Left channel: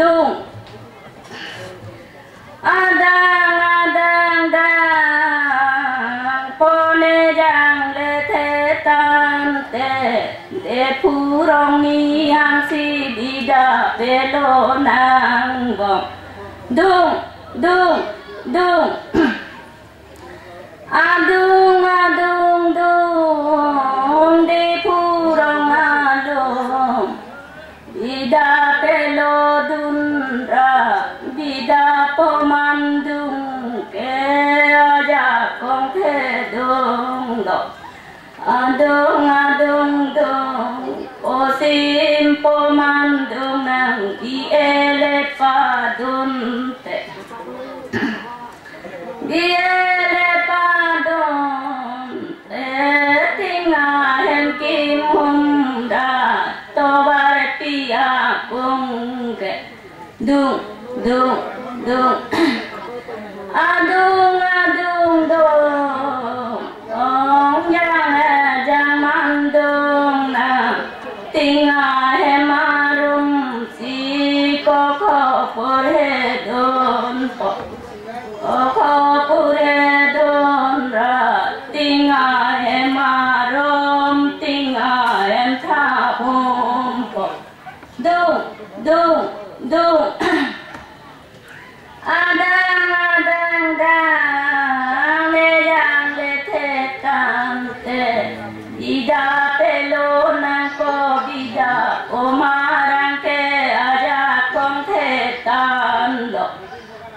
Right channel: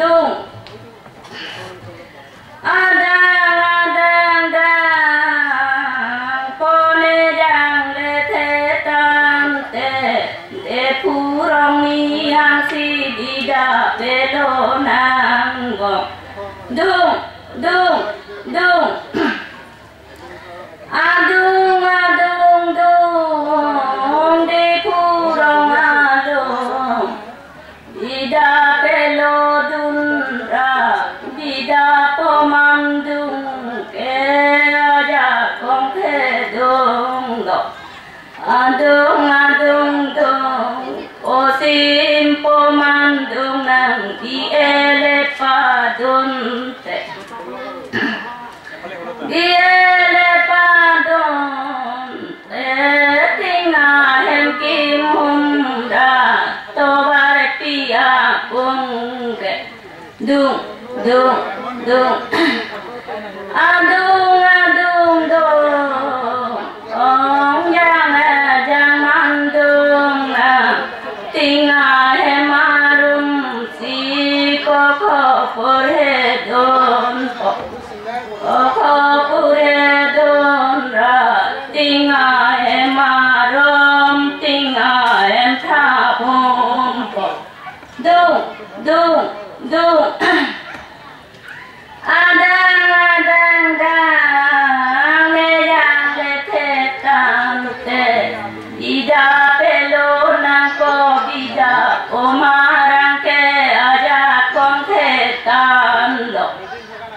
dung adang adang dang pone jang le the tam te de purong ni hang si bida belo nang go dung dung dung adung adung dung de purong adung bida belo dun ra bida pomandung ke aja kong the dung do adung adung dung o sim pomandung nang di ele pa dun te di ele pa dun te tinga hem kim hum da to var pia kung ke dung dung dung adung adung dung ong yang jang mandung na tinga hemarum si ko pur he don po ko pur he don ra tinga hemarum tinga hem tha pum po dung dung dung adang adang dang le yang le the tam te ida pelo na ko bida o marang ke aja kong the tam lo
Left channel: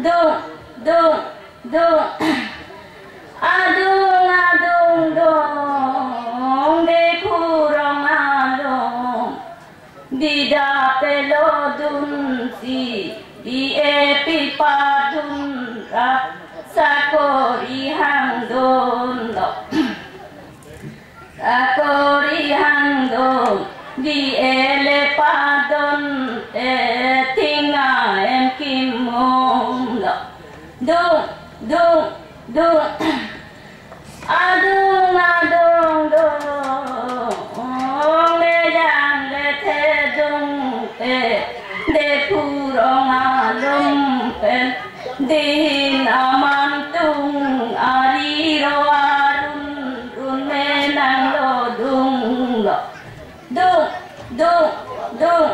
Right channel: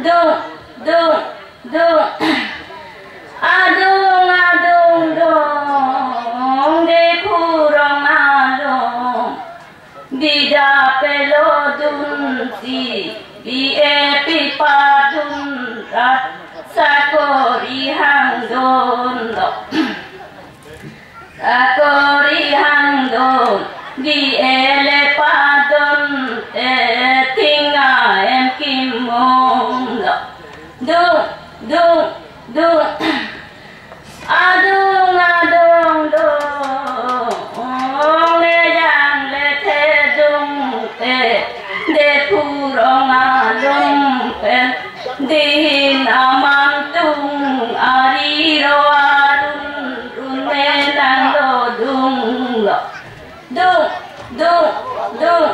dung dung dung adung adung dung de purong along bida pelo dun si bi e pi pa dun ra sakori hang don lo sakori hang don bi e le pa don te tinga em kim mong lo dung dung dung adung adung dung le yang le the dung te de purong alum pen din aman tung ari ro arun run me nang lo dung lo dung dung dung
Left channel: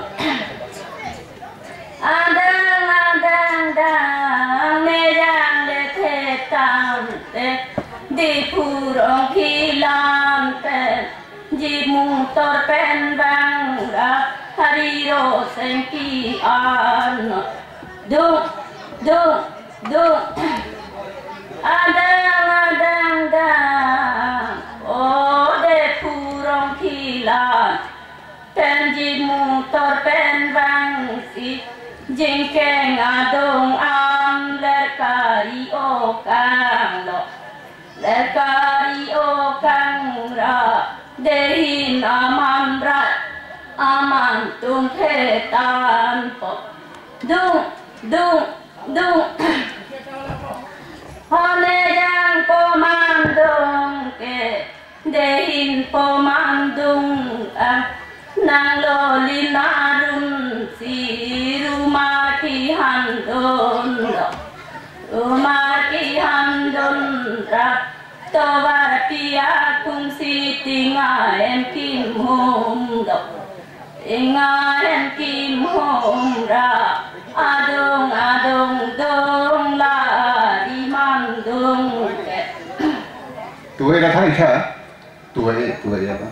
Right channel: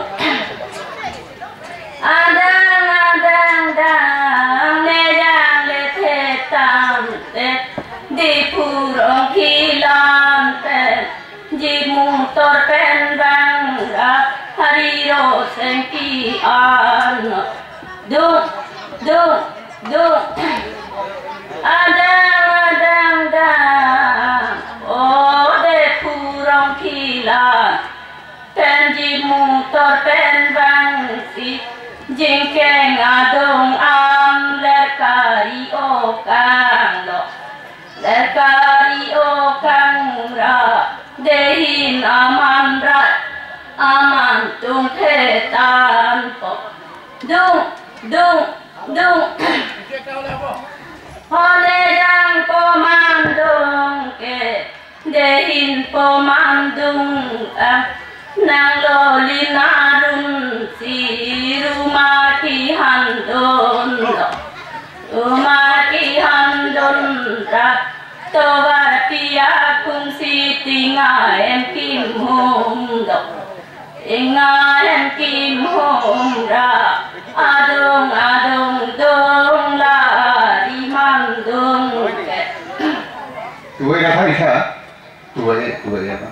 adang adang dang le yang le the tam te di purong khilam pen ji mung tor pen bang ra hari ro sen ki an dung dung dung adang adang dang o de purong khilam pen ji mung tor pen bang si jing keng adong am le kari o kang lo le kari o kang ra dehin aman ra aman tung the tan po dung dung dung hole yang pomandung ke dehin pomandung nang lo linarum si rumah ki handon rumah ki handon ra to var pia kun si tinga em kim hum do tinga em kim hum ra adung adung dong la di man dung ke tuổi đã thấy chưa tuổi tuổi apa